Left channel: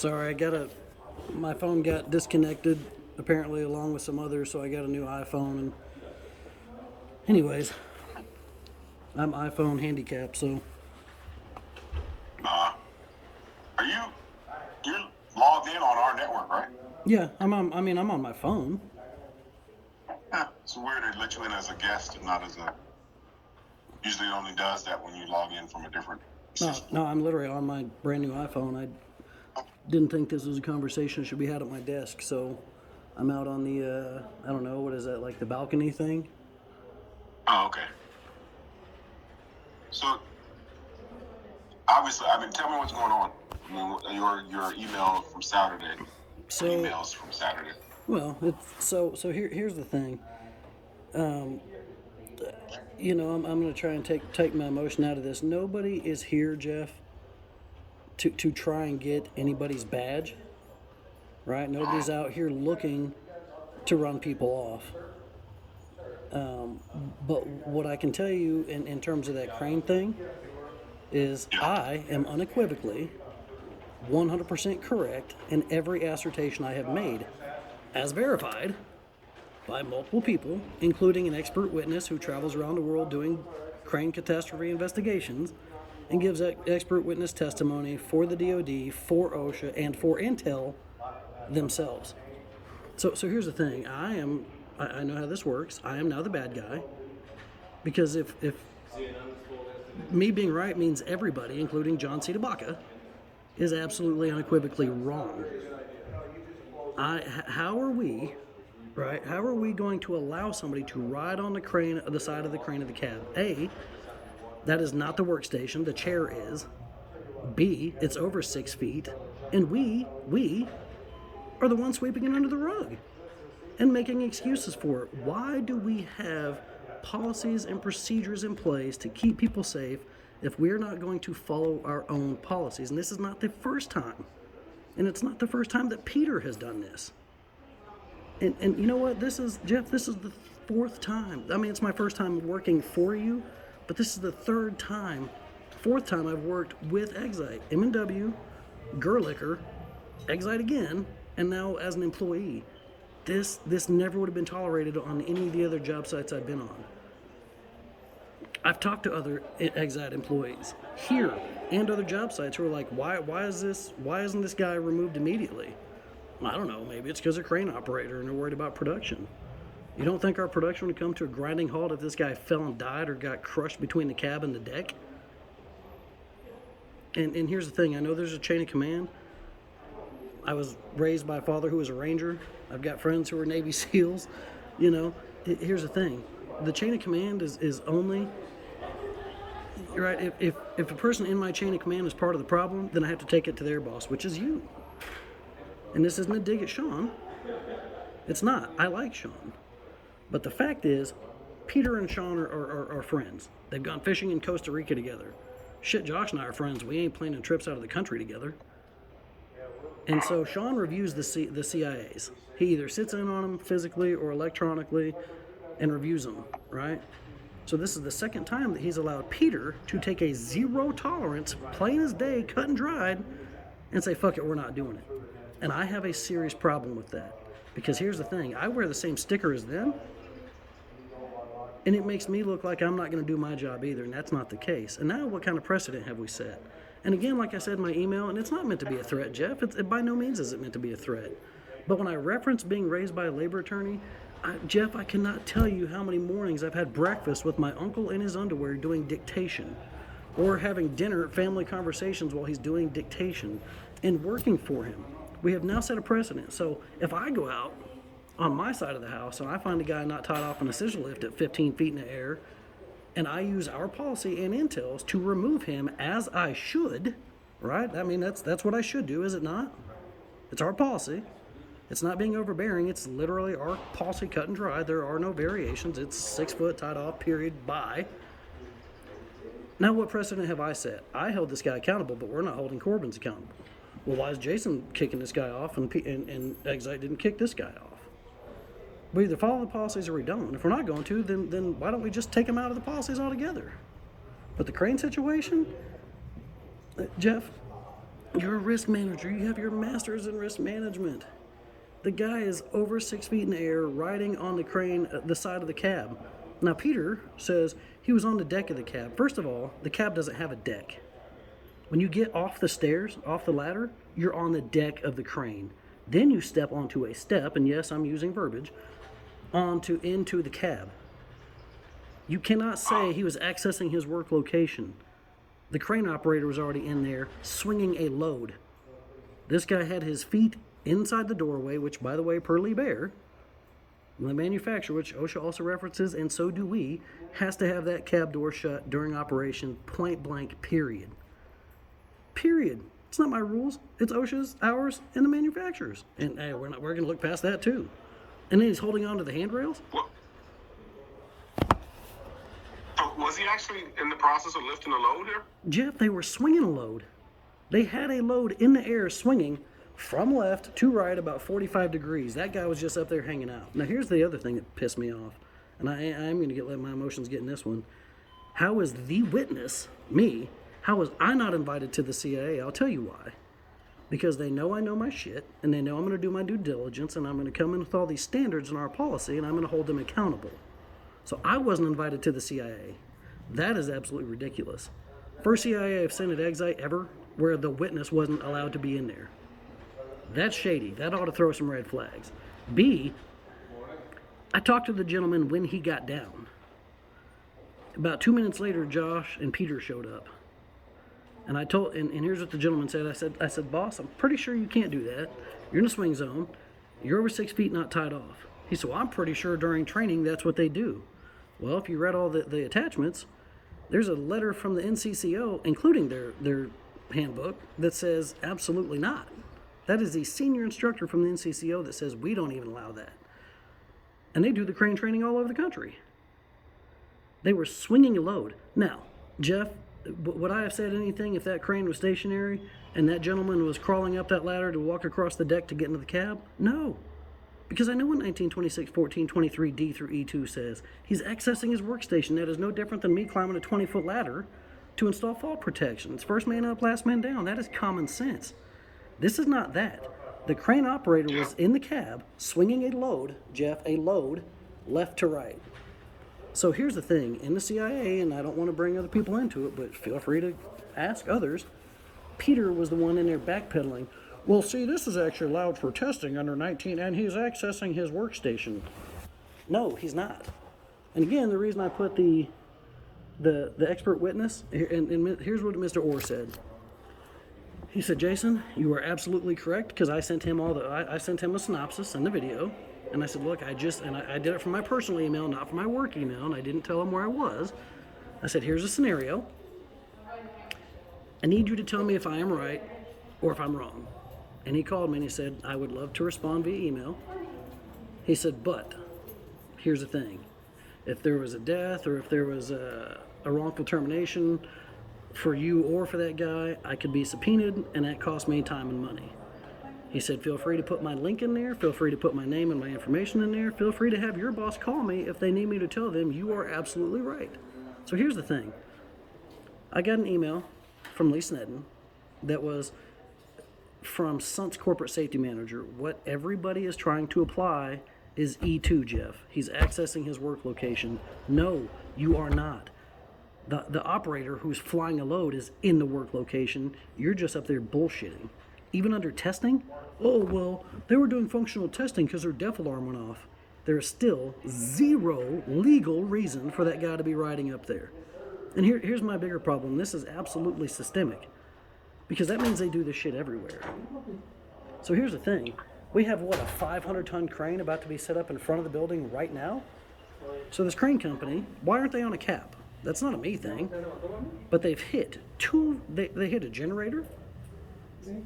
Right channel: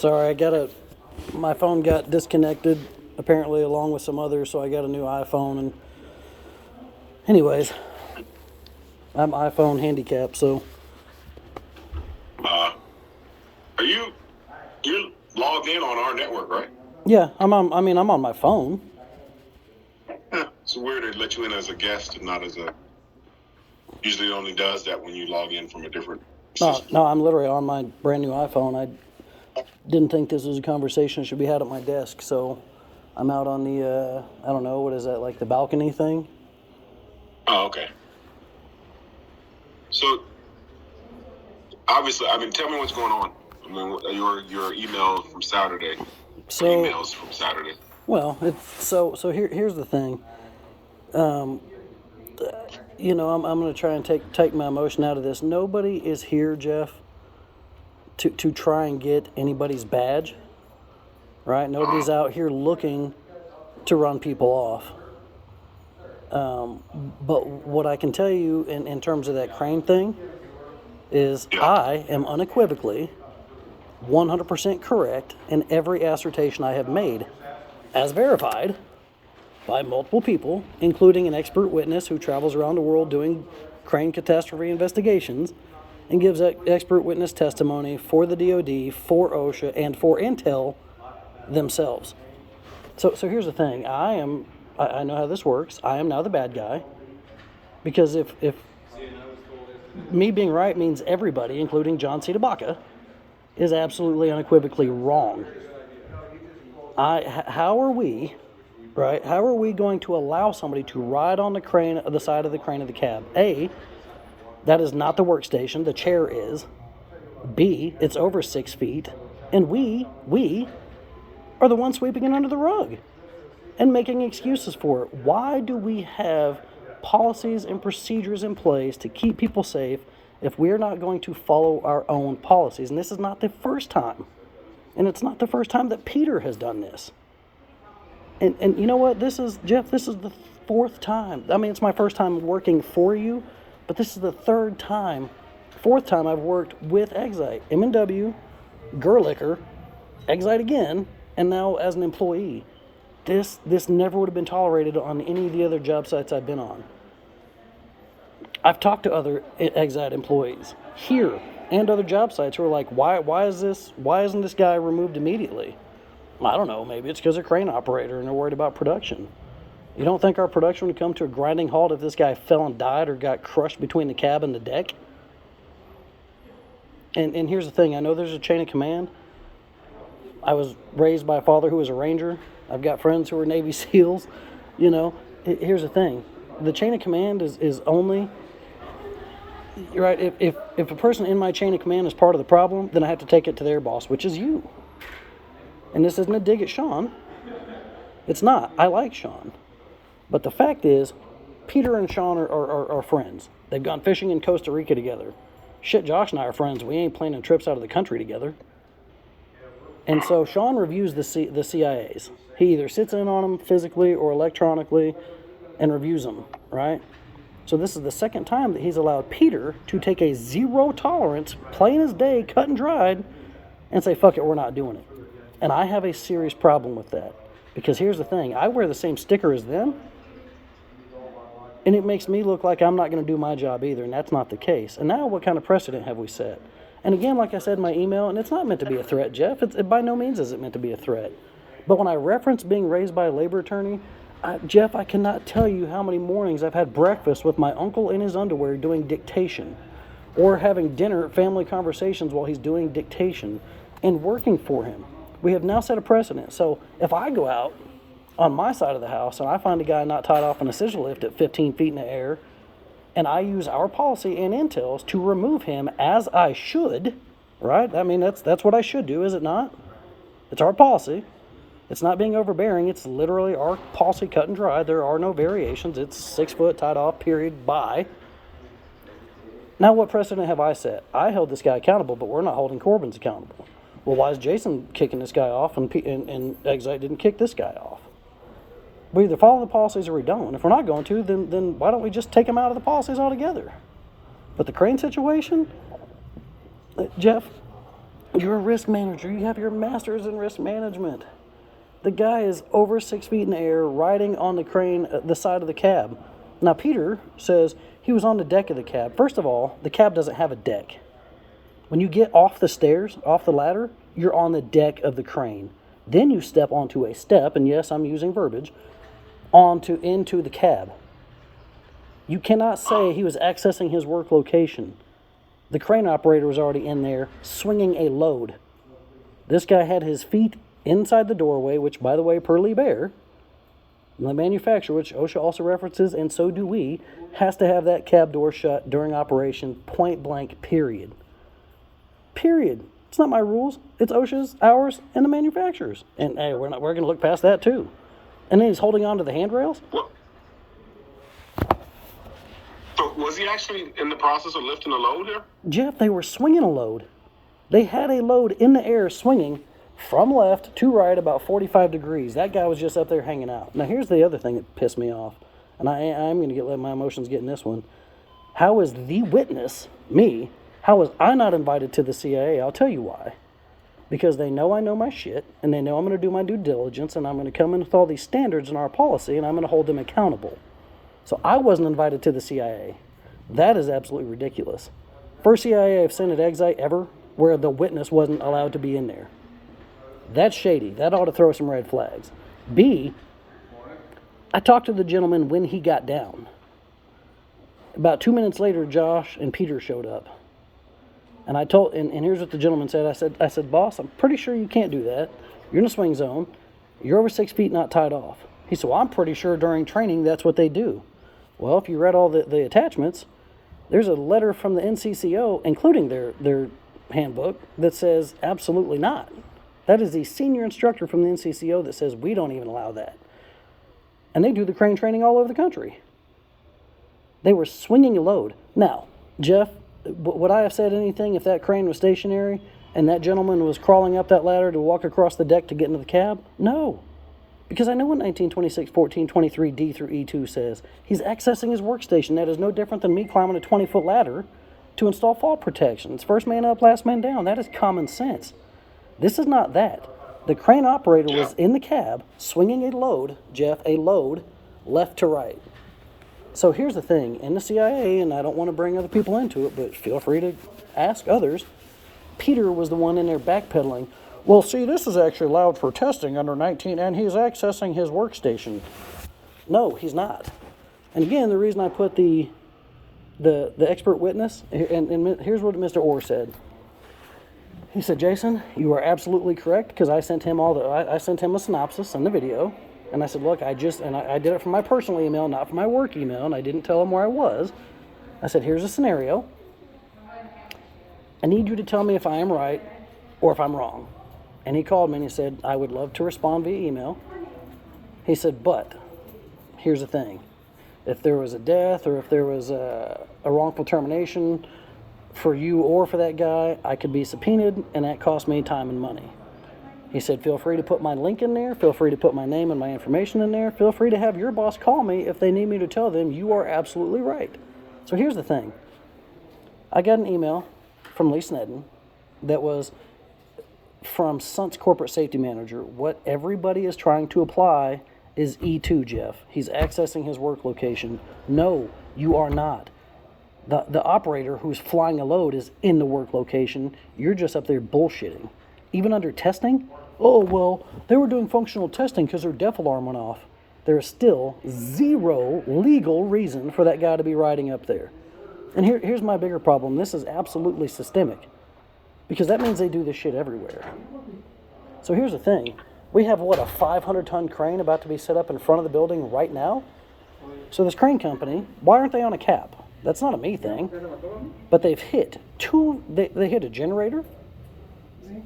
Sorry, my phone got disconnected, apparently along with some others, so I got a new iPhone. And anyways, I'm iPhone handicapped, so. Are you're logged in on our network, right? Yeah, I'm on my phone. It's weird they let you in as a guest and not as a. Usually it only does that when you log in from a different system. No, I'm literally on my brand new iPhone. I didn't think this was a conversation that should be had at my desk, so I'm out on the, I don't know, what is that, like the balcony thing? Oh, okay. So, obviously, tell me what's going on. Your email from Saturday. So, emails from Saturday. Well, here's the thing. I'm going to try and take my emotion out of this. Nobody is here, Jeff, to try and get anybody's badge, right? Nobody's out here looking to run people off. But what I can tell you in terms of that crane thing is I am unequivocally 100% correct in every assertion I have made, as verified by multiple people, including an expert witness who travels around the world doing crane catastrophe investigations and gives expert witness testimony for the DoD, for OSHA, and for Intel themselves. So here's the thing. I know how this works. I am now the bad guy, because if me being right means everybody, including John C. DeBacca, is absolutely unequivocally wrong. How are we going to allow somebody to ride on the side of the crane of the cab? A, that is not the workstation, the chair is. B, it's over 6 feet. And we are the ones sweeping it under the rug and making excuses for it. Why do we have policies and procedures in place to keep people safe if we're not going to follow our own policies? And this is not the first time. And it's not the first time that Peter has done this. And you know what? Jeff, this is the fourth time. It's my first time working for you, but this is the fourth time I've worked with Exite. M&W, Gerlicher, Exite again, and now as an employee. This never would have been tolerated on any of the other job sites I've been on. I've talked to other Exite employees here and other job sites who are like, why isn't this guy removed immediately? I don't know, maybe it's because of crane operator and they're worried about production. You don't think our production would come to a grinding halt if this guy fell and died or got crushed between the cab and the deck? And here's the thing, I know there's a chain of command. I was raised by a father who was a Ranger. I've got friends who are Navy SEALs. Here's the thing. The chain of command is only, right, if a person in my chain of command is part of the problem, then I have to take it to their boss, which is you. And this isn't a dig at Sean. It's not. I like Sean. But the fact is, Peter and Sean are friends. They've gone fishing in Costa Rica together. Shit, Josh and I are friends. We ain't planning trips out of the country together. And so Sean reviews the CIAs. He either sits in on them physically or electronically and reviews them, right? So this is the second time that he's allowed Peter to take a zero tolerance, plain as day, cut and dried, and say, fuck it, we're not doing it. And I have a serious problem with that. Because here's the thing, I wear the same sticker as them, and it makes me look like I'm not going to do my job either, and that's not the case. And now what kind of precedent have we set? And again, like I said in my email, and it's not meant to be a threat, Jeff. It by no means is it meant to be a threat. But when I reference being raised by a labor attorney, Jeff, I cannot tell you how many mornings I've had breakfast with my uncle in his underwear doing dictation, or having dinner, family conversations while he's doing dictation, and working for him. We have now set a precedent. So if I go out on my side of the house and I find a guy not tied off in a scissor lift at 15 feet in the air, and I use our policy and Intel's to remove him, as I should, right? That's what I should do, is it not? It's our policy. It's not being overbearing. It's literally our policy, cut and dry. There are no variations. It's 6 foot, tied off, period, bye. Now what precedent have I set? I held this guy accountable, but we're not holding Corbin's accountable. Well, why is Jason kicking this guy off and Exite didn't kick this guy off? We either follow the policies or we don't. If we're not going to, then why don't we just take them out of the policies altogether? But the crane situation, Jeff, You're a risk manager. You have your master's in risk management. The guy is over 6 feet in the air, riding on the crane, the side of the cab. Now, Peter says he was on the deck of the cab. First of all, the cab doesn't have a deck. When you get off the stairs, off the ladder, you're on the deck of the crane. Then you step onto a step, and yes, I'm using verbiage, into the cab. You cannot say he was accessing his work location. The crane operator was already in there swinging a load. This guy had his feet inside the doorway, which, by the way, per Lee Bear, the manufacturer, which OSHA also references, and so do we, has to have that cab door shut during operation, point blank, period. Period. It's not my rules. It's OSHA's, ours, and the manufacturer's. And hey, we're going to look past that too. And then he's holding on to the handrails. So was he actually in the process of lifting a load here? Jeff, they were swinging a load. They had a load in the air swinging from left to right about 45 degrees. That guy was just up there hanging out. Now, here's the other thing that pissed me off. And I'm going to let my emotions get in this one. How is the witness, me, how was I not invited to the CIA? I'll tell you why. Because they know I know my shit, and they know I'm going to do my due diligence, and I'm going to come in with all these standards in our policy, and I'm going to hold them accountable. So I wasn't invited to the CIA. That is absolutely ridiculous. First CIA I've seen at Exite ever where the witness wasn't allowed to be in there. That's shady. That ought to throw some red flags. B, I talked to the gentleman when he got down. About 2 minutes later, Josh and Peter showed up. And I told, and here's what the gentleman said. I said, boss, I'm pretty sure you can't do that. You're in a swing zone. You're over 6 feet, not tied off. He said, well, I'm pretty sure during training that's what they do. Well, if you read all the attachments, there's a letter from the NCCO, including their handbook, that says absolutely not. That is the senior instructor from the NCCO that says we don't even allow that. And they do the crane training all over the country. They were swinging a load. Now, Jeff, would I have said anything if that crane was stationary and that gentleman was crawling up that ladder to walk across the deck to get into the cab? No. Because I know what 1926-14-23D through E2 says. He's accessing his workstation. That is no different than me climbing a 20-foot ladder to install fall protection. It's first man up, last man down. That is common sense. This is not that. The crane operator was in the cab swinging a load, Jeff, a load, left to right. So here's the thing. In the CIA, and I don't want to bring other people into it, but feel free to ask others, Peter was the one in there backpedaling. Well, see, this is actually allowed for testing under 19, and he's accessing his workstation. No, he's not. And again, the reason I put the expert witness, and here's what Mr. Orr said. He said, Jason, you are absolutely correct, because I sent him I sent him a synopsis and the video, and I said, look, I did it from my personal email, not from my work email, and I didn't tell him where I was. I said, here's a scenario. I need you to tell me if I am right or if I'm wrong. And he called me and he said, I would love to respond via email. He said, but here's the thing. If there was a death or if there was a wrongful termination for you or for that guy, I could be subpoenaed, and that cost me time and money. He said, feel free to put my link in there. Feel free to put my name and my information in there. Feel free to have your boss call me if they need me to tell them you are absolutely right. So here's the thing. I got an email from Lee Snedden that was from Sunt's corporate safety manager. What everybody is trying to apply is E2, Jeff. He's accessing his work location. No, you are not. The operator who's flying a load is in the work location. You're just up there bullshitting. Even under testing? Oh, well, they were doing functional testing because their DEF alarm went off. There's still zero legal reason for that guy to be riding up there. And here's my bigger problem. This is absolutely systemic, because that means they do this shit everywhere. So here's the thing. We have, what, a 500-ton crane about to be set up in front of the building right now? So this crane company, why aren't they on a cap? That's not a me thing. But they've hit they hit a generator,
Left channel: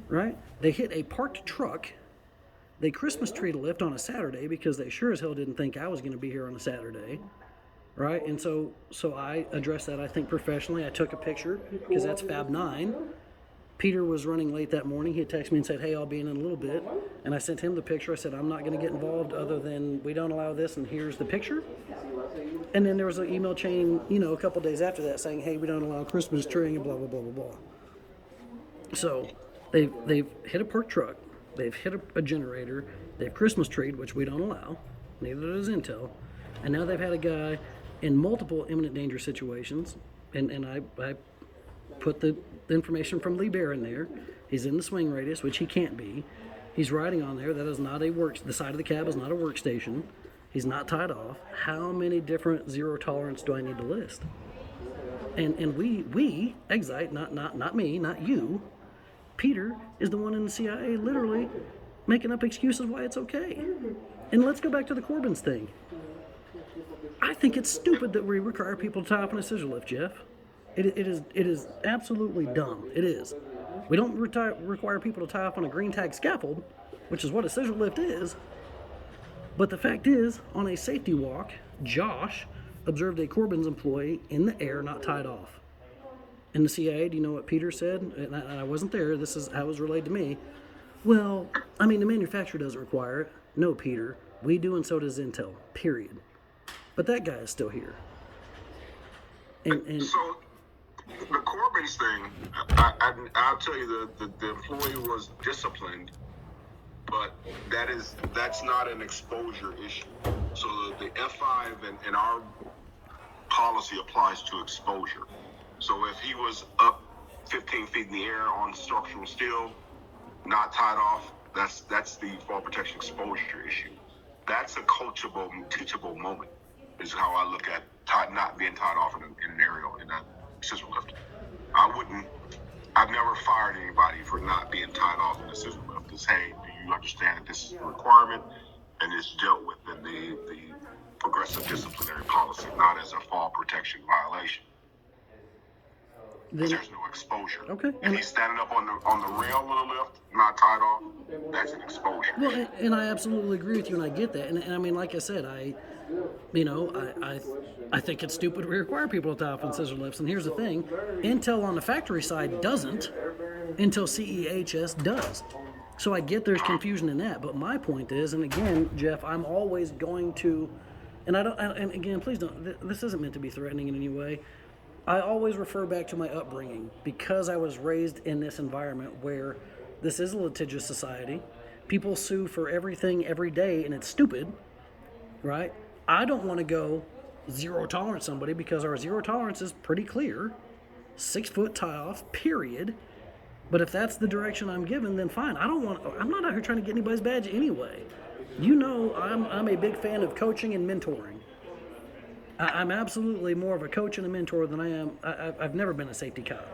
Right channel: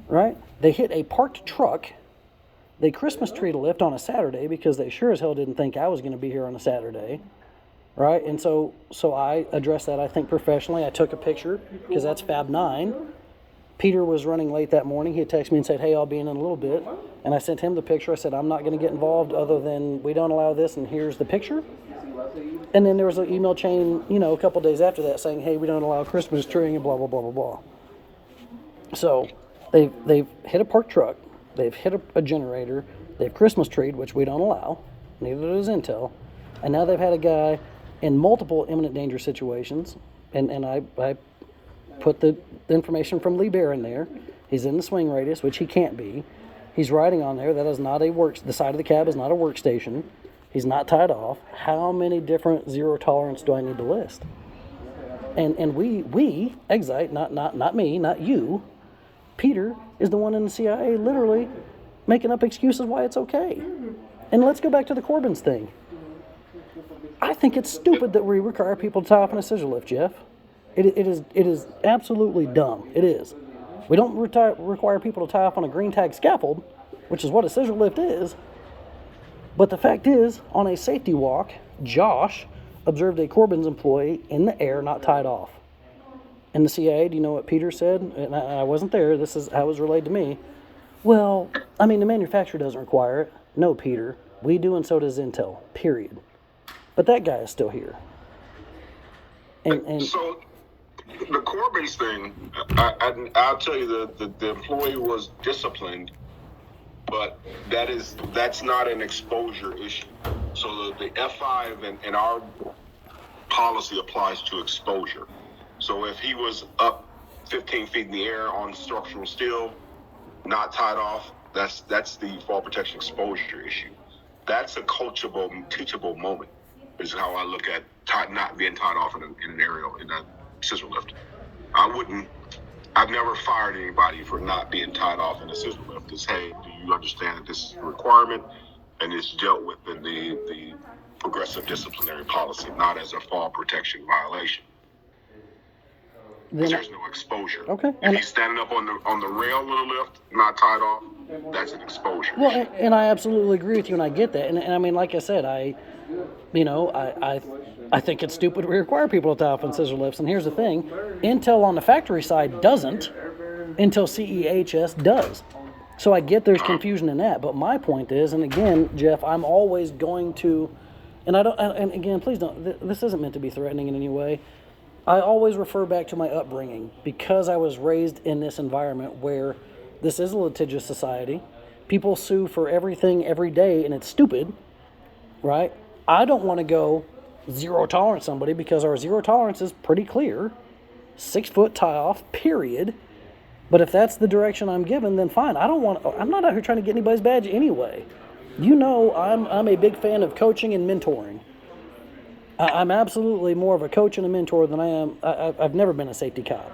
right? They hit a parked truck. They Christmas treed a lift on a Saturday because they sure as hell didn't think I was going to be here on a Saturday, right? And so I addressed that, I think, professionally. I took a picture because that's Fab 9. Peter was running late that morning. He had texted me and said, hey, I'll be in a little bit. And I sent him the picture. I said, I'm not going to get involved other than we don't allow this, and here's the picture. And then there was an email chain, a couple days after that saying, hey, we don't allow Christmas treeing and blah, blah, blah, blah, blah. So They've hit a parked truck, they've hit a generator, they've Christmas treed, which we don't allow, neither does Intel, and now they've had a guy in multiple imminent danger situations, and I put the information from Lee Bear in there. He's in the swing radius, which he can't be. He's riding on there. That is not a the side of the cab is not a workstation. He's not tied off. How many different zero tolerance do I need to list? And we Exite, not me, not you, Peter is the one in the CIA literally making up excuses why it's okay. And let's go back to the Corbin's thing. I think it's stupid that we require people to tie off on a scissor lift, Jeff. It is absolutely dumb. It is. We don't require people to tie off on a green tag scaffold, which is what a scissor lift is. But the fact is, on a safety walk, Josh observed a Corbin's employee in the air not tied off. In the CIA, do you know what Peter said? And I wasn't there. This is how it was relayed to me. Well, I mean, the manufacturer doesn't require it. No, Peter. We do, and so does Intel. Period. But that guy is still here. And so the Corbin's thing, I'll tell you, the employee was disciplined, but that's not an exposure issue. So the F5 and our policy applies to exposure. So if he was up 15 feet in the air on structural steel, not tied off, that's the fall protection exposure issue. That's a coachable, teachable moment, is how I look at not being tied off in an aerial, in a scissor lift. I've never fired anybody for not being tied off in a scissor lift. It's, hey, do you understand that this is a requirement and it's dealt with in the progressive disciplinary policy, not as a fall protection violation. There's no exposure. Okay. If he's standing up on the rail of the lift, not tied off, that's an exposure. Well, and I absolutely agree with you, and I get that. And I mean, like I said, I think it's stupid to require people to tie off on scissor lifts. And here's the thing: Intel on the factory side doesn't, until CEHS does. So I get there's confusion in that. But my point is, and again, Jeff, I'm always going to, and I don't, and again, please don't. This isn't meant to be threatening in any way. I always refer back to my upbringing because I was raised in this environment where this is a litigious society. People sue for everything every day, and it's stupid, right? I don't want to go zero tolerance somebody because our zero tolerance is pretty clear. 6 foot tie off, period. But if that's the direction I'm given, then fine. I'm not out here trying to get anybody's badge anyway. You know, I'm a big fan of coaching and mentoring. I'm absolutely more of a coach and a mentor than I am. I've never been a safety cop.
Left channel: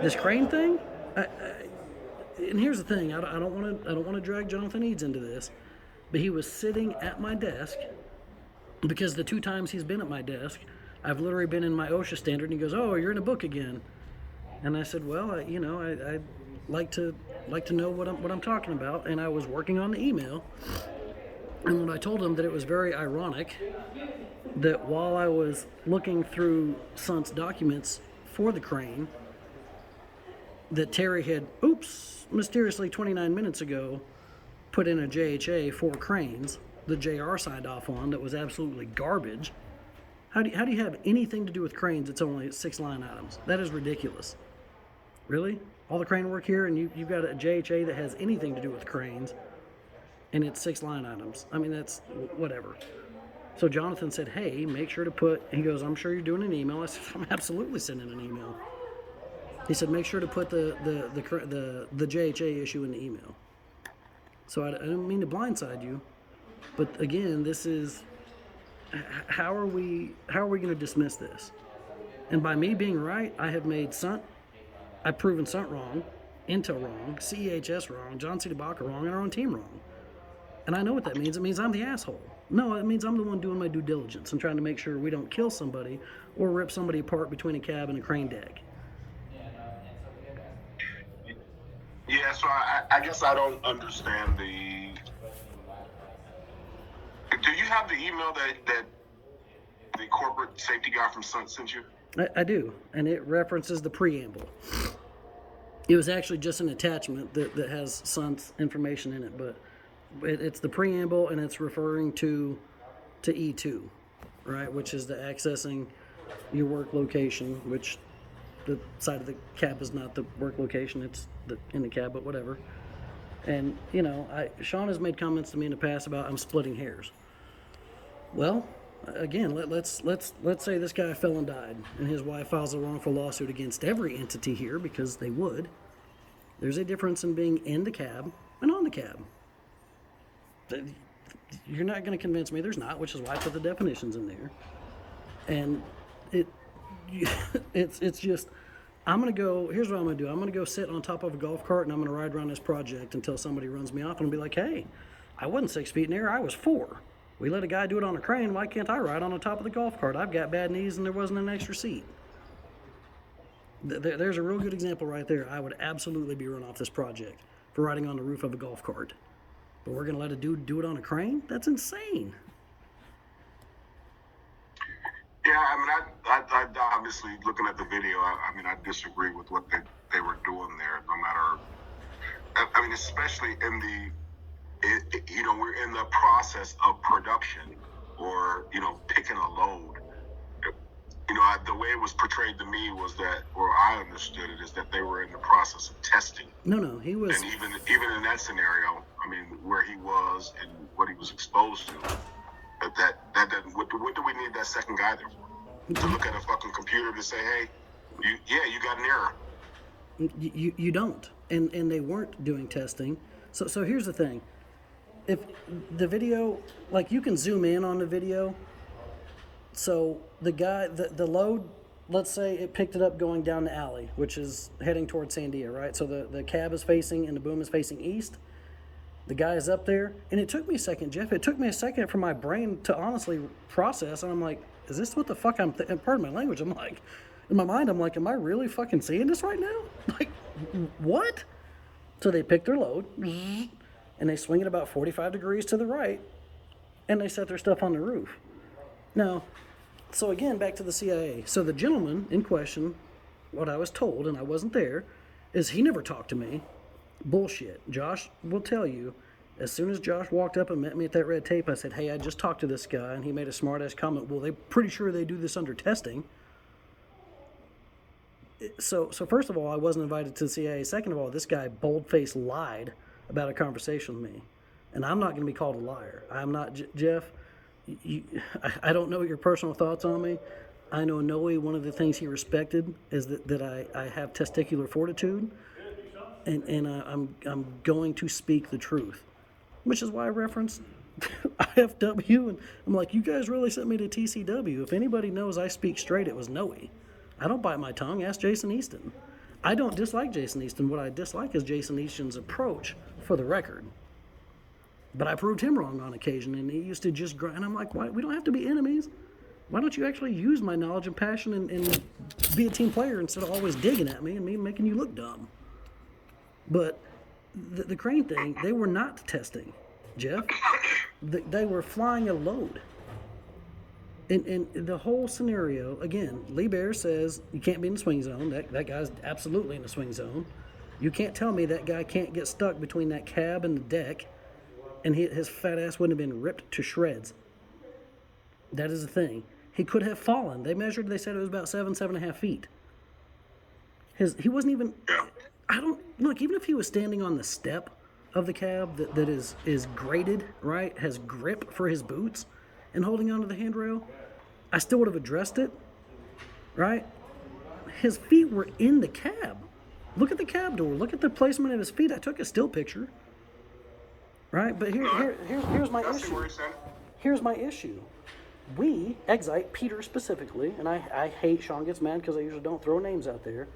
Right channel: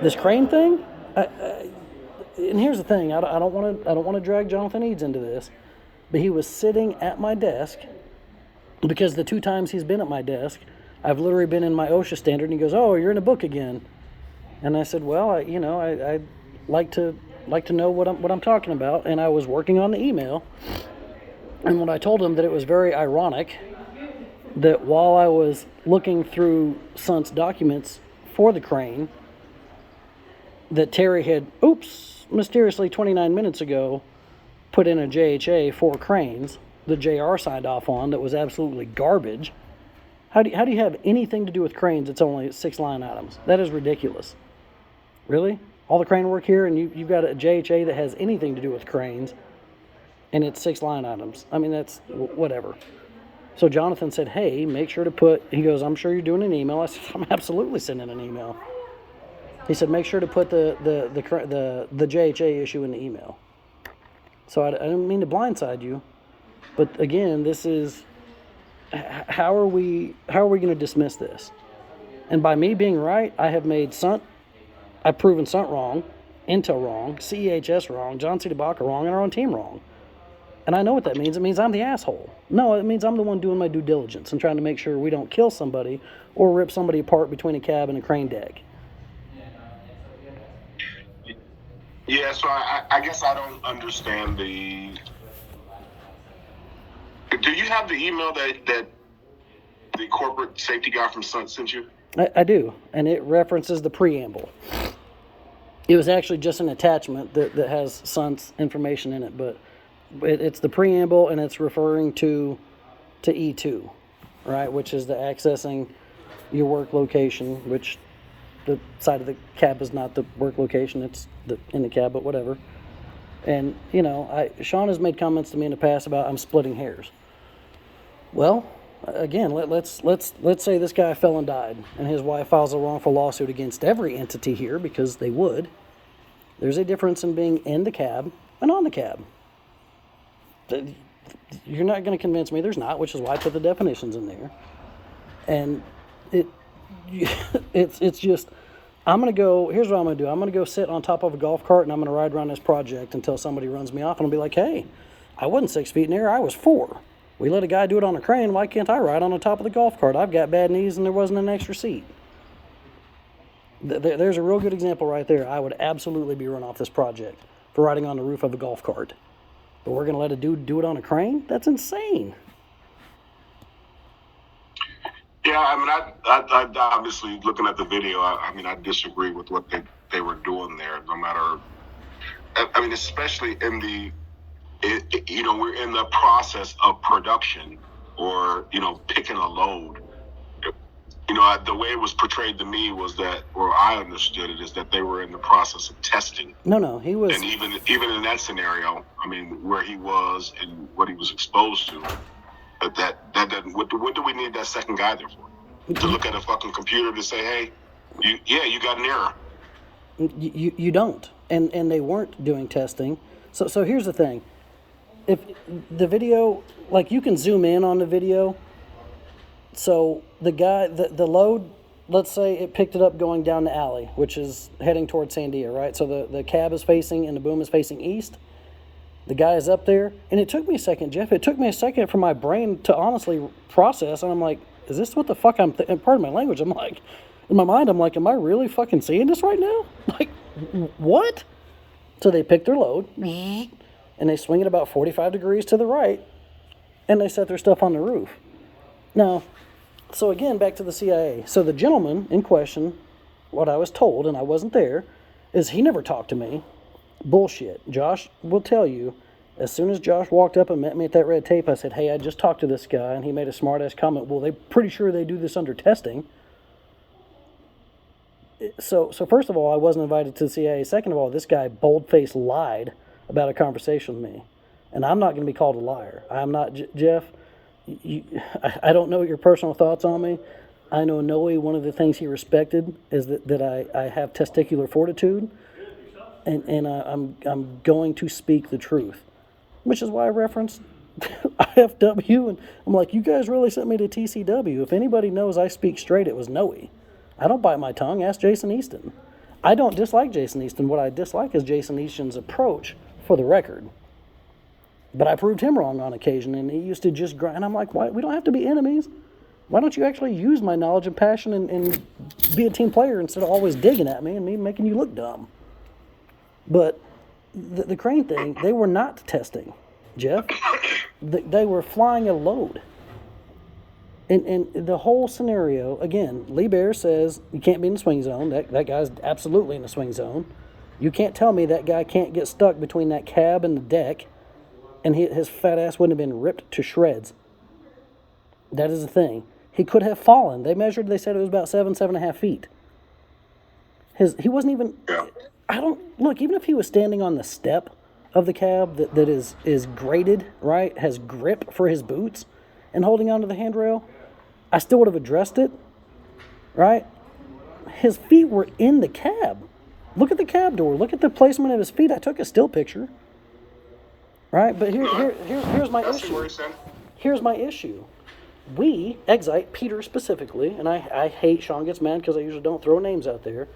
This crane thing, and here's the thing: I don't want to drag Jonathan Eads into this, but he was sitting at my desk because the 2 times he's been at my desk, I've literally been in my OSHA standard, and he goes, "Oh, you're in a book again," and I said, "Well, I like to know what I'm talking about," and I was working on the email, and when I told him that it was very ironic that while I was looking through Sunt's documents for the crane, that Terry had, mysteriously 29 minutes ago, put in a JHA for cranes that JR signed off on that was absolutely garbage. How do you have anything to do with cranes? It's only 6 line items. That is ridiculous. Really? All the crane work here, and you've got a JHA that has anything to do with cranes, and it's 6 line items. I mean, that's whatever. So Jonathan said, hey, make sure to put, he goes, I'm sure you're doing an email. I said, I'm absolutely sending an email. He said, make sure to put the JHA issue in the email. So I didn't mean to blindside you, but again, this is, how are we going to dismiss this? And by me being right, I've proven Sunt wrong, Intel wrong, CEHS wrong, John C. DeBaca wrong, and our own team wrong. And I know what that means. It means I'm the asshole. No, it means I'm the one doing my due diligence and trying to make sure we don't kill somebody or rip somebody apart between a cab and a crane deck. Yeah, so I guess I don't understand do you have the email that the corporate safety guy from Sun sent you? I do, and it references the preamble. It was actually just an attachment that has Sun's information in it, but it's the preamble, and it's referring to E2, right, which is the accessing your work location, which the side of the cab is not the work location, it's in the cab, but whatever. And, you know, Sean has made comments to me in the past about I'm splitting hairs. Well, again, let's say this guy fell and died, and his wife files a wrongful lawsuit against every entity here because they would. There's a difference in being in the cab and on the cab. You're not going to convince me there's not, which is why I put the definitions in there. And it's just, I'm going to go, here's what I'm going to do. I'm going to go sit on top of a golf cart and I'm going to ride around this project until somebody runs me off, and I'll be like, hey, I wasn't 6 feet in the air, I was 4. We let a guy do it on a crane, why can't I ride on the top of the golf cart? I've got bad knees and there wasn't an extra seat. There's a real good example right there. I would absolutely be run off this project for riding on the roof of a golf cart. But we're going to let a dude do it on a crane? That's insane. Yeah, I mean, I obviously, looking at the video, I mean, I disagree with what they were doing there. No matter, I mean, especially in you know, we're in the process of production, or, you know, picking a load. You know, the way it was portrayed to me was that, or I understood it, is that they were in the process of testing. No, he was. And even in that scenario, I mean, where he was and what he was exposed to, that doesn't. What do we need that second guy there for? To look at a fucking computer to say, hey, you got an error. You don't, and they weren't doing testing. So here's the thing. If the video, like, you can zoom in on the video. So the guy, the load, let's say it picked it up going down the alley, which is heading towards Sandia, right? So the cab is facing and the boom is facing east. The guy is up there, and it took me a second, Jeff. It took me a second for my brain to honestly process, and I'm like, is this what the fuck and pardon my language, I'm like, in my mind, I'm like, am I really fucking seeing this right now? Like, what? So they pick their load, and they swing it about 45 degrees to the right, and they set their stuff on the roof. Now, so again, back to the CIA. So the gentleman in question, what I was told, and I wasn't there, is he never talked to me. Bullshit. Josh will tell you, as soon as Josh walked up and met me at that red tape, I said, hey, I just talked to this guy, and he made a smart-ass comment. Well, they're pretty sure they do this under testing. So first of all, I wasn't invited to the CIA. Second of all, this guy bold-faced lied about a conversation with me. And I'm not going to be called a liar. I'm not, Jeff. I don't know your personal thoughts on me. I know Noe, one of the things he respected is that I have testicular fortitude, and I'm going to speak the truth, which is why I referenced IFW, and I'm like, you guys really sent me to TCW. If anybody knows I speak straight, it was Noe. I don't bite my tongue. Ask Jason Easton. I don't dislike Jason Easton. What I dislike is Jason Easton's approach, for the record. But I proved him wrong on occasion, and he used to just grind. I'm like, why? We don't have to be enemies. Why don't you actually use my knowledge and passion and be a team player instead of always digging at me and me making you look dumb? But the crane thing, they were not testing, Jeff. They were flying a load. And the whole scenario, again, Lee Bear says you can't be in the swing zone. That guy's absolutely in the swing zone. You can't tell me that guy can't get stuck between that cab and the deck, and his fat ass wouldn't have been ripped to shreds. That is the thing. He could have fallen. They said it was about 7.5 feet. He wasn't even, even if he was standing on the step of the cab that is graded, right, has grip for his boots, and holding onto the handrail, I still would have addressed it, right? His feet were in the cab. Look at the cab door. Look at the placement of his feet. I took a still picture. Right, but here's my issue. Here's my issue. We, Exite, Peter specifically, and I hate Sean gets mad because I usually don't throw names out there.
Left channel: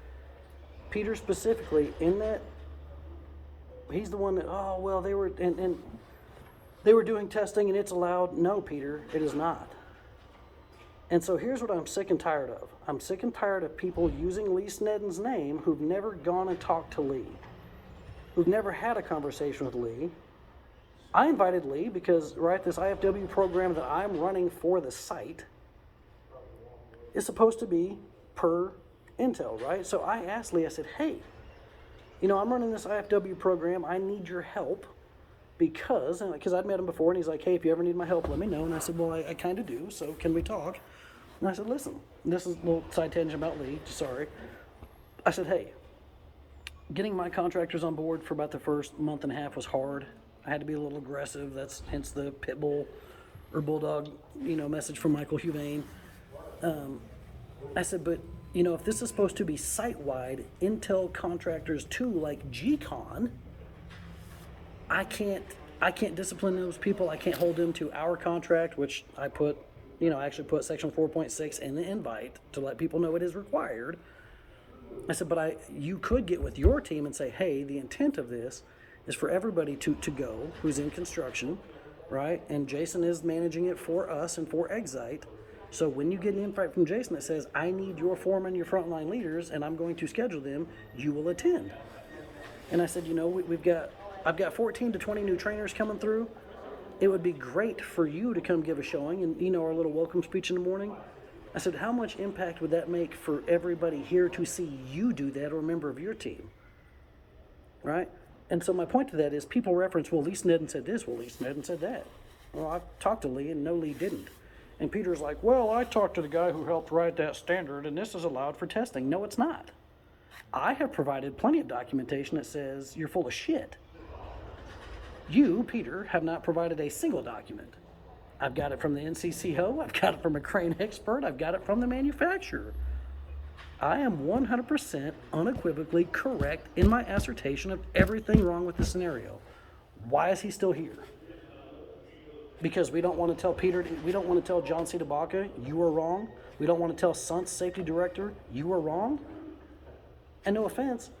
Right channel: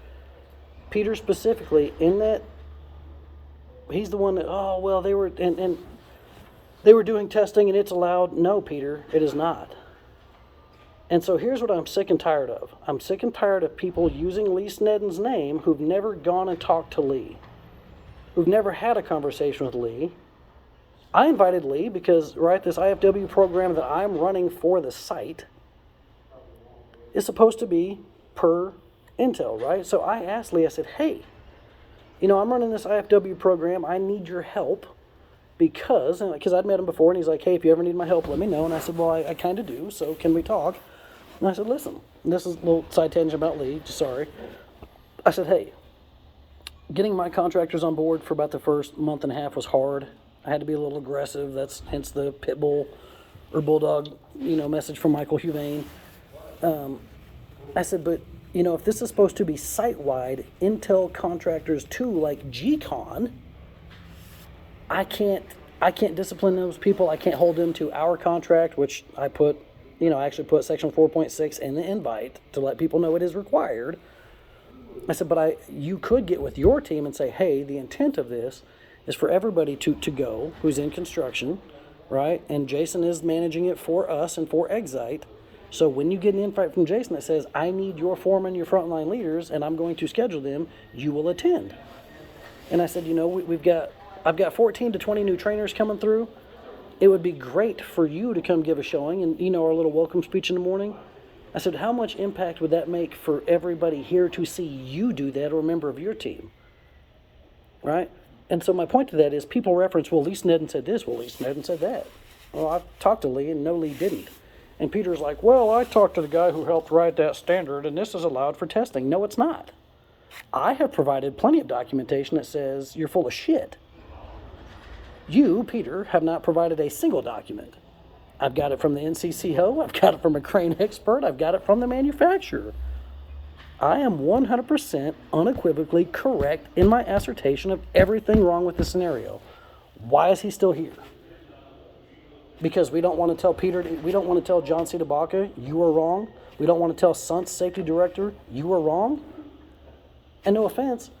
Peter specifically, in that he's the one that, they were and they were doing testing and it's allowed. No, Peter, it is not. And so here's what I'm sick and tired of. I'm sick and tired of people using Lee Snedden's name who've never gone and talked to Lee, who've never had a conversation with Lee. I invited Lee because, right, this IFW program that I'm running for the site is supposed to be per Intel, right? So I asked Lee, I said, hey, I'm running this IFW program. I need your help because I'd met him before, and he's like, hey, if you ever need my help, let me know. And I said, well, I kind of do, so can we talk? And I said, listen, and this is a little side tangent about Lee, sorry. I said, hey, getting my contractors on board for about the first month and a half was hard. I had to be a little aggressive. That's hence the pit bull or bulldog, message from Michael Huvane. I said, but if this is supposed to be site-wide Intel contractors too, like GCon, I can't discipline those people. I can't hold them to our contract, which I put, I actually put section 4.6 in the invite to let people know it is required. I said, but you could get with your team and say, hey, the intent of this is for everybody to go who's in construction, right? And Jason is managing it for us and for Exite. So when you get an invite from Jason that says, I need your foreman, your frontline leaders, and I'm going to schedule them, you will attend. And I said, I've got 14 to 20 new trainers coming through. It would be great for you to come give a showing and, our little welcome speech in the morning. I said, how much impact would that make for everybody here to see you do that or a member of your team? Right? And so my point to that is people reference, well, Lee Snedden said this, well, Lee Snedden said that. Well, I talked to Lee and no, Lee didn't. And Peter's like, well, I talked to the guy who helped write that standard and this is allowed for testing. No, it's not. I have provided plenty of documentation that says you're full of shit. You, Peter, have not provided a single document. I've got it from the NCCO, I've got it from a crane expert, I've got it from the manufacturer. I am 100% unequivocally correct in my assertion of everything wrong with the scenario. Why is he still here? Because we don't want to tell we don't want to tell John C. DeBaca, you are wrong. We don't want to tell Sunt's safety director, you are wrong. And no offense,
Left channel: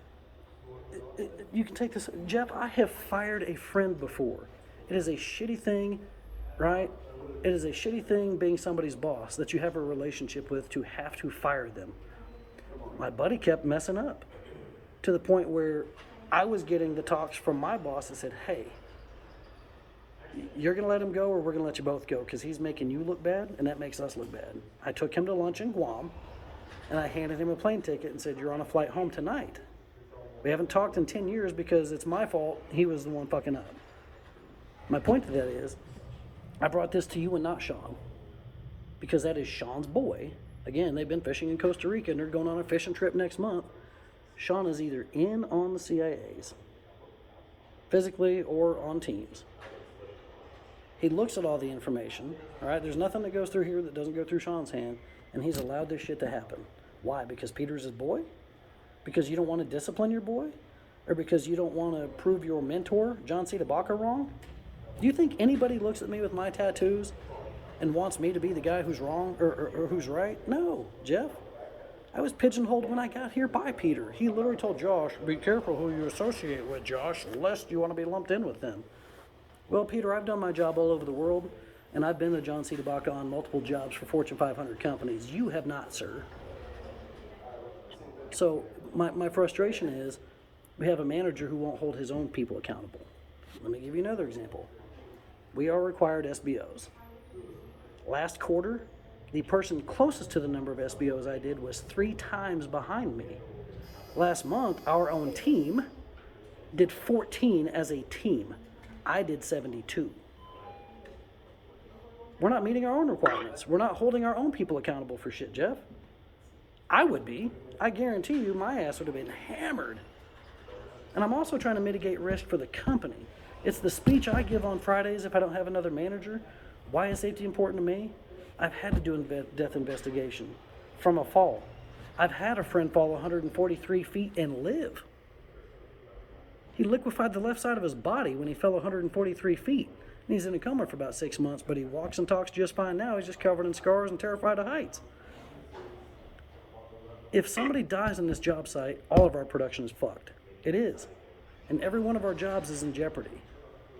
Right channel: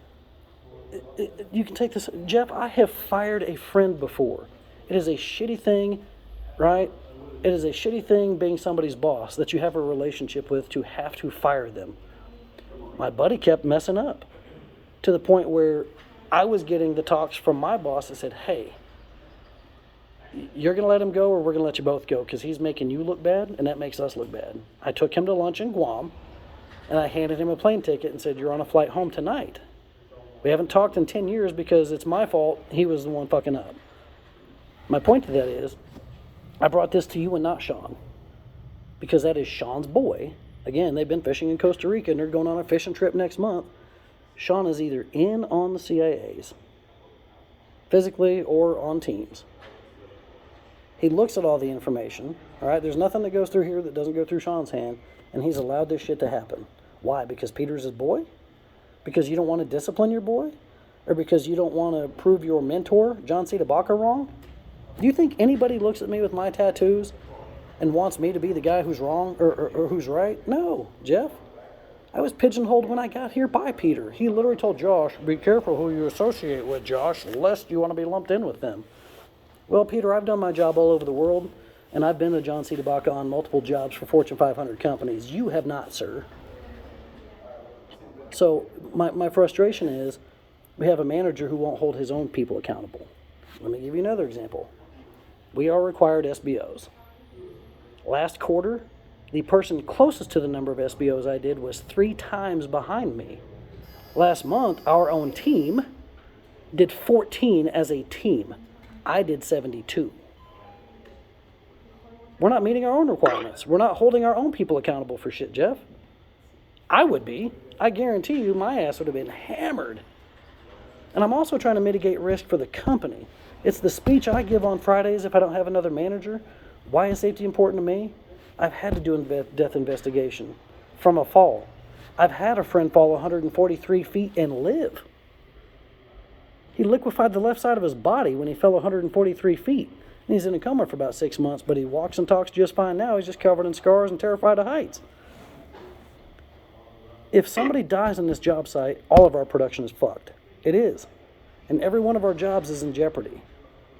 you can take this, Jeff, I have fired a friend before. It is a shitty thing, right? It is a shitty thing being somebody's boss that you have a relationship with to have to fire them. My buddy kept messing up to the point where I was getting the talks from my boss that said, hey, you're going to let him go or we're going to let you both go because he's making you look bad and that makes us look bad. I took him to lunch in Guam and I handed him a plane ticket and said, you're on a flight home tonight. We haven't talked in 10 years because it's my fault. He was the one fucking up. My point to that is, I brought this to you and not Sean because that is Sean's boy. Again, they've been fishing in Costa Rica and they're going on a fishing trip next month. Sean is either in on the CIAs, physically or on teams. He looks at all the information, all right? There's nothing that goes through here that doesn't go through Sean's hand, and he's allowed this shit to happen. Why? Because Peter's his boy? Because you don't want to discipline your boy? Or because you don't want to prove your mentor, John C. DeBaca, wrong? Do you think anybody looks at me with my tattoos and wants me to be the guy who's wrong or who's right? No, Jeff. I was pigeonholed when I got here by Peter. He literally told Josh, be careful who you associate with, Josh, lest you want to be lumped in with them. Well, Peter, I've done my job all over the world, and I've been to John C. DeBaca on multiple jobs for Fortune 500 companies. You have not, sir. So my frustration is we have a manager who won't hold his own people accountable. Let me give you another example. We are required SBOs. Last quarter, the person closest to the number of SBOs I did was 3 times behind me. Last month, our own team did 14 as a team. I did 72. We're not meeting our own requirements. We're not holding our own people accountable for shit, Jeff. I would be. I guarantee you my ass would have been hammered. And I'm also trying to mitigate risk for the company. It's the speech I give on Fridays if I don't have another manager. Why is safety important to me? I've had to do a death investigation from a fall. I've had a friend fall 143 feet and live. He liquefied the left side of his body when he fell 143 feet. He's in a coma for about 6 months, but he walks and talks just fine now. He's just covered in scars and terrified of heights. If somebody dies on this job site, all of our production is fucked. It is. And every one of our jobs is in jeopardy.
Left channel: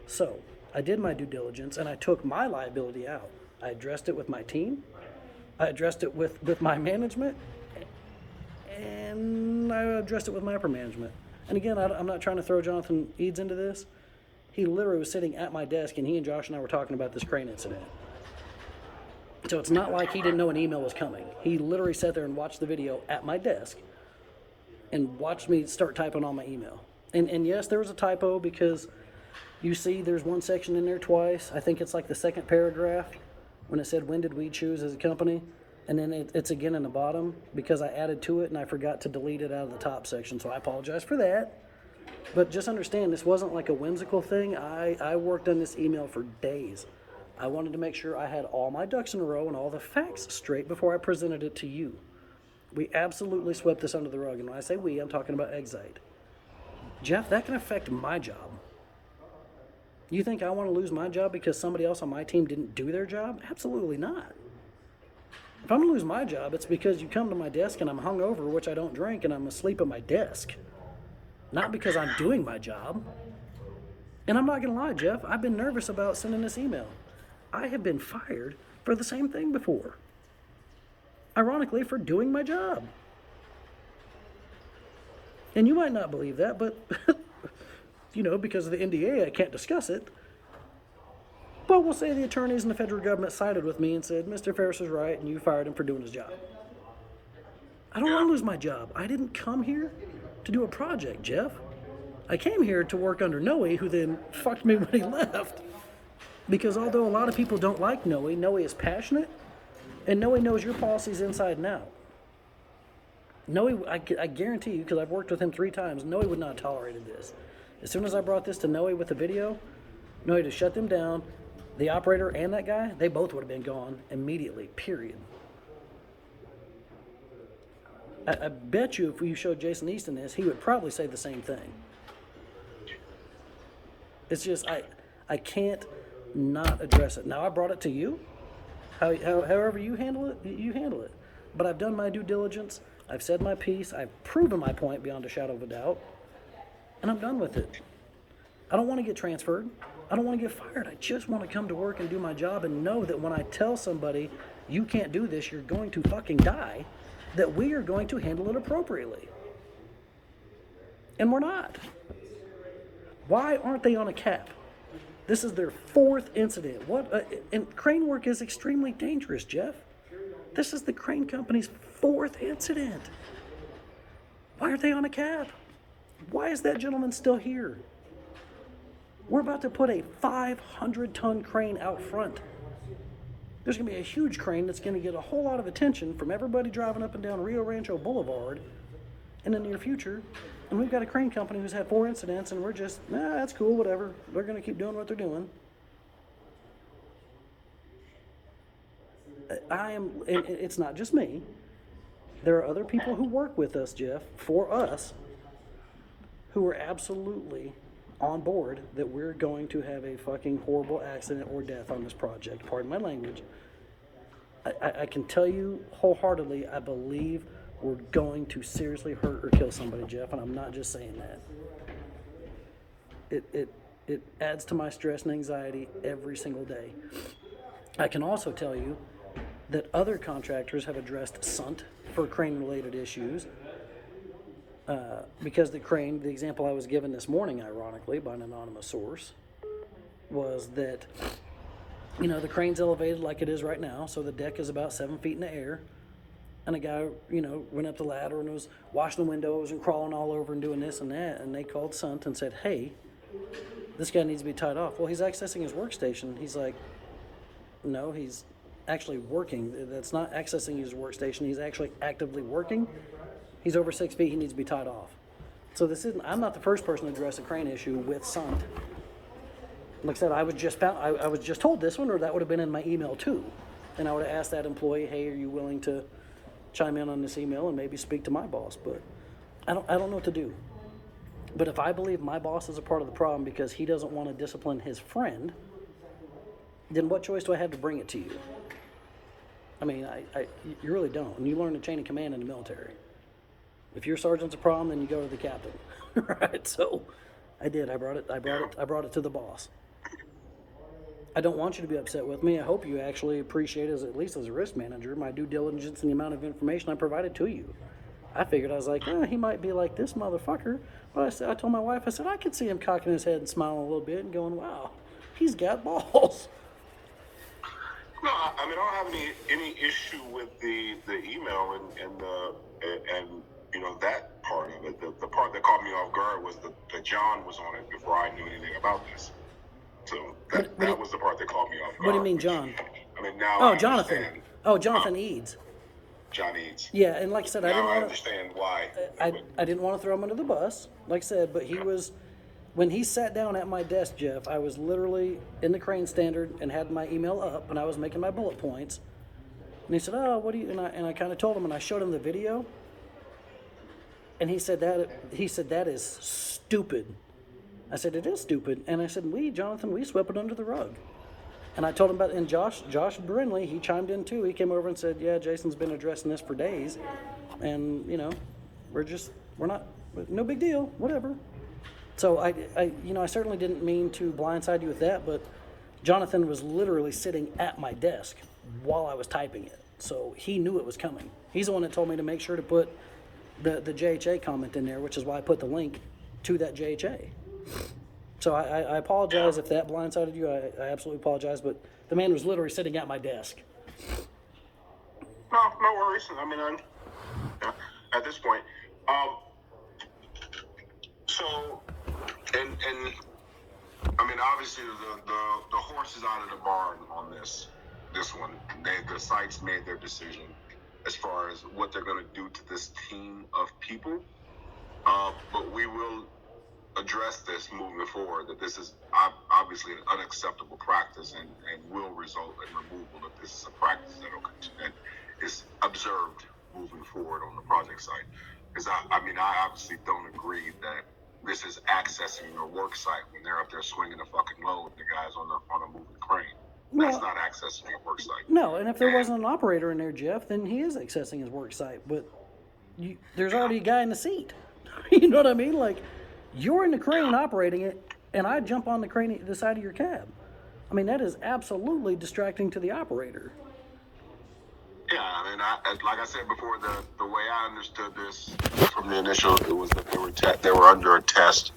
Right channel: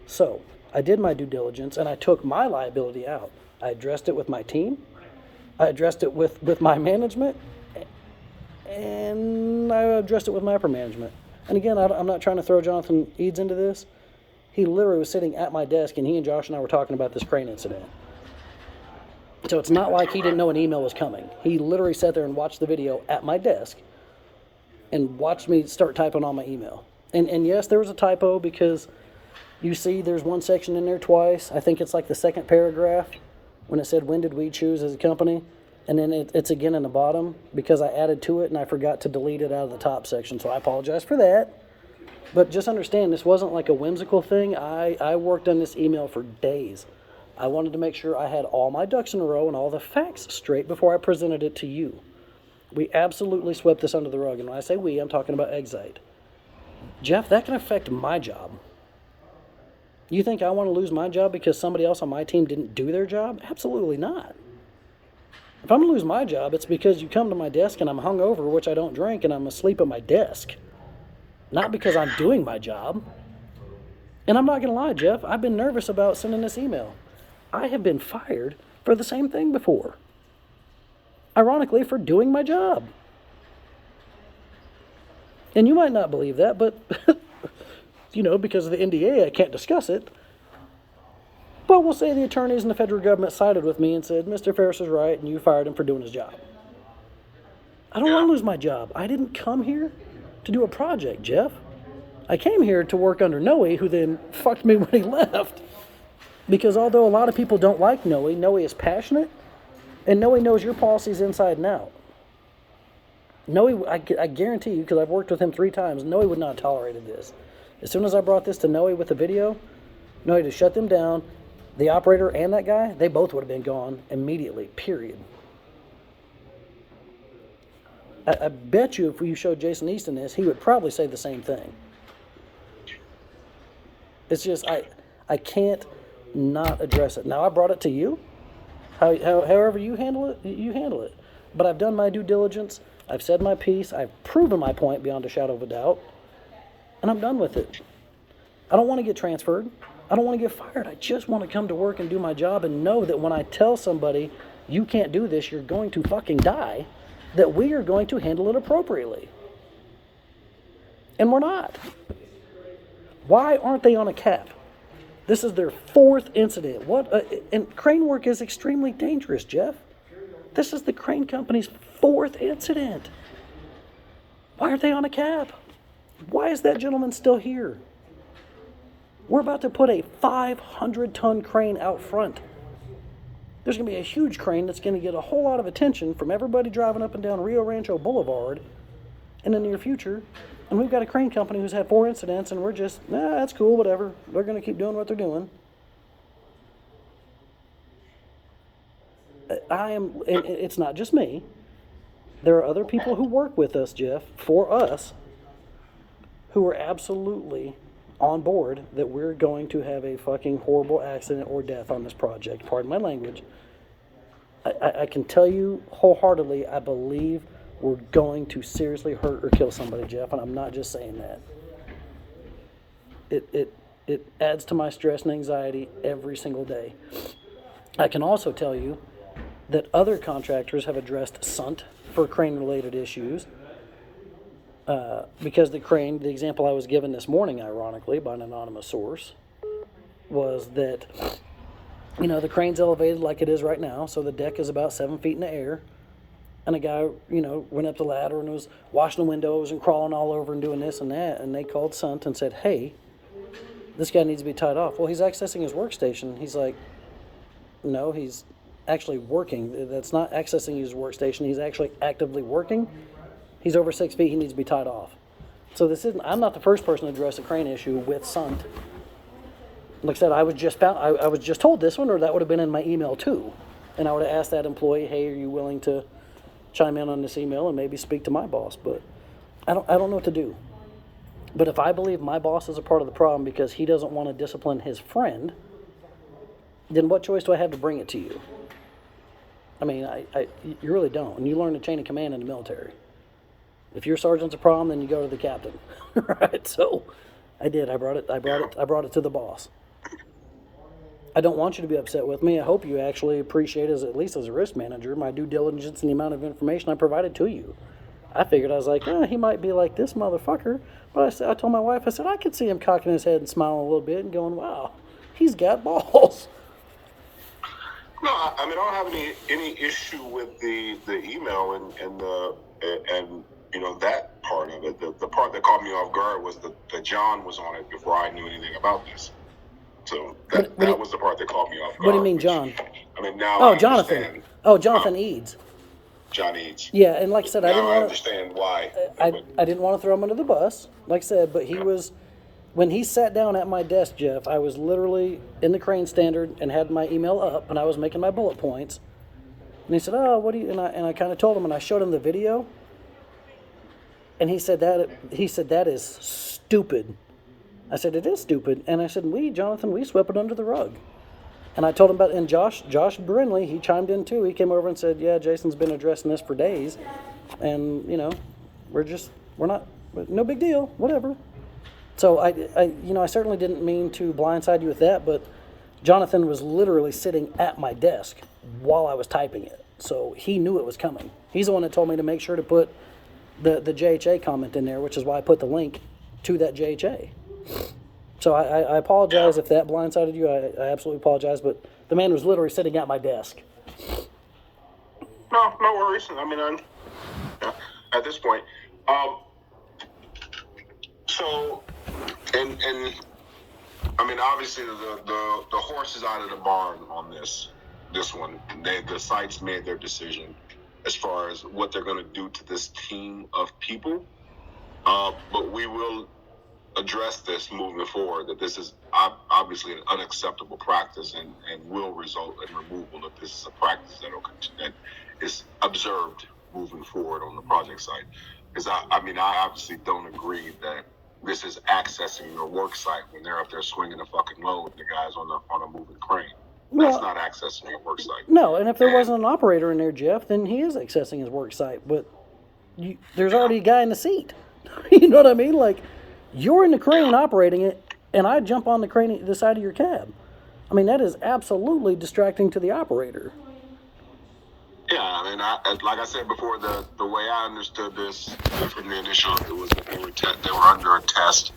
So, I did my due diligence and I took my liability out. I addressed it with my team. I addressed it with my management. And I addressed it with my upper management. And again, I'm not trying to throw Jonathan Eads into this. He literally was sitting at my desk and he and Josh and I were talking about this crane incident. So it's not like he didn't know an email was coming. He literally sat there and watched the video at my desk and watched me start typing on my email. And yes, there was a typo because you see there's one section in there twice. I think it's like the second paragraph when it said, when did we choose as a company? And then it's again in the bottom because I added to it and I forgot to delete it out of the top section. So I apologize for that. But just understand, this wasn't like a whimsical thing. I worked on this email for days. I wanted to make sure I had all my ducks in a row and all the facts straight before I presented it to you. We absolutely swept this under the rug. And when I say we, I'm talking about Exite. Jeff, that can affect my job. You think I want to lose my job because somebody else on my team didn't do their job? Absolutely not. If I'm going to lose my job, it's because you come to my desk and I'm hungover, which I don't drink, and I'm asleep at my desk. Not because I'm doing my job. And I'm not going to lie, Jeff, I've been nervous about sending this email. I have been fired for the same thing before. Ironically, for doing my job. And you might not believe that, but, because of the NDA, I can't discuss it. But we'll say the attorneys and the federal government sided with me and said, Mr. Ferris is right, and you fired him for doing his job. I don't want to lose my job. I didn't come here to do a project, Jeff. I came here to work under Noe, who then fucked me when he left. Because although a lot of people don't like Noe is passionate, and Noe knows your policies inside and out. Noe, I guarantee you, because I've worked with him 3 times, Noe would not have tolerated this. As soon as I brought this to Noe with the video, Noe to shut them down, the operator and that guy, they both would have been gone immediately, period. I bet you if you showed Jason Easton this, he would probably say the same thing. It's just, I can't not address it. Now, I brought it to you. However you handle it, you handle it. But I've done my due diligence. I've said my piece. I've proven my point beyond a shadow of a doubt. And I'm done with it. I don't want to get transferred. I don't want to get fired. I just want to come to work and do my job and know that when I tell somebody, you can't do this, you're going to fucking die, that we are going to handle it appropriately. And we're not. Why aren't they on a cap? This is their 4th incident. And crane work is extremely dangerous, Jeff. This is the crane company's 4th incident. Why aren't they on a cap? Why is that gentleman still here? We're about to put a 500-ton crane out front. There's going to be a huge crane that's going to get a whole lot of attention from everybody driving up and down Rio Rancho Boulevard in the near future. And we've got a crane company who's had 4 incidents, and we're just, that's cool, whatever. They're going to keep doing what they're doing. And it's not just me. There are other people who work with us, Jeff, for us, who are absolutely on board that we're going to have a fucking horrible accident or death on this project. Pardon my language. I can tell you wholeheartedly, I believe we're going to seriously hurt or kill somebody, Jeff, and I'm not just saying that. It adds to my stress and anxiety every single day. I can also tell you that other contractors have addressed SUNT for crane-related issues. Because the crane, the example I was given this morning, ironically, by an anonymous source, was that, the crane's elevated like it is right now, so the deck is about 7 feet in the air, and a guy, went up the ladder and was washing the windows and crawling all over and doing this and that, and they called SUNT and said, hey, this guy needs to be tied off. Well, he's accessing his workstation. He's like, no, he's actually working. That's not accessing his workstation. He's actually actively working. He's over 6 feet. He needs to be tied off. So I'm not the first person to address a crane issue with SUNT. Like I said, I was just told this one, or that would have been in my email too. And I would have asked that employee, hey, are you willing to chime in on this email and maybe speak to my boss? But I don't know what to do. But if I believe my boss is a part of the problem because he doesn't want to discipline his friend, then what choice do I have to bring it to you? I mean, you really don't. And you learn the chain of command in the military. If your sergeant's a problem, then you go to the captain. Right? So I did. I brought it to the boss. I don't want you to be upset with me. I hope you actually appreciate, at least as a risk manager, my due diligence and the amount of information I provided to you. I figured, I was like, he might be like this motherfucker. But I told my wife, I said, I could see him cocking his head and smiling a little bit and going, wow, he's got balls. No, I mean, I don't have any issue with the email and that part of it. The part that caught me off guard was that John was on it before I knew anything about this. So that was the part that caught me off guard. What do you mean, John? I mean, now. Oh, Jonathan. Oh, Jonathan Eads. Johnny Eats. Yeah, and like I said, I Now didn't I want understand why. I didn't want to throw him under the bus, like I said, but he was when he sat down at my desk, Jeff. I was literally in the crane standard and had my email up, and I was making my bullet points. And he said, "Oh, what do you?" And I kind of told him, and I showed him the video, and he said that is stupid. I said it is stupid, and I said Jonathan, we swept it under the rug. And I told him about, and Josh Brinley, he chimed in too. He came over and said, "Yeah, Jason's been addressing this for days, and we're not, no big deal, whatever." So I certainly didn't mean to blindside you with that, but Jonathan was literally sitting at my desk while I was typing it, so he knew it was coming. He's the one that told me to make sure to put the JHA comment in there, which is why I put the link to that JHA. So I apologize if that blindsided you. I absolutely apologize, but the man was literally sitting at my desk. No worries. I mean, at this point, so and I mean, obviously the horse is out of the barn on this one. The sites made their decision as far as what they're going to do to this team of people, but we will address this moving forward, that this is obviously an unacceptable practice and will result in removal if this is a practice that is observed moving forward on the project site. Because I obviously don't agree that this is accessing your work site when they're up there swinging a fucking load, the guys on a moving crane. That's not accessing your work site. No, and if there wasn't an operator in there, Jeff, then he is accessing his work site. But there's already a guy in the seat. You know what I mean? Like, you're in the crane operating it, and I jump on the side of your cab. I mean, that is absolutely distracting to the operator. Yeah, I mean, like I said before, the way I understood this from the initial, it was that they were under a test,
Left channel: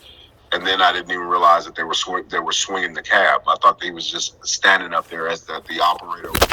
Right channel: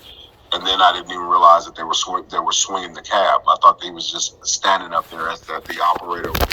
and then I didn't even realize that they were swinging the cab. I thought he was just standing up there as the operator was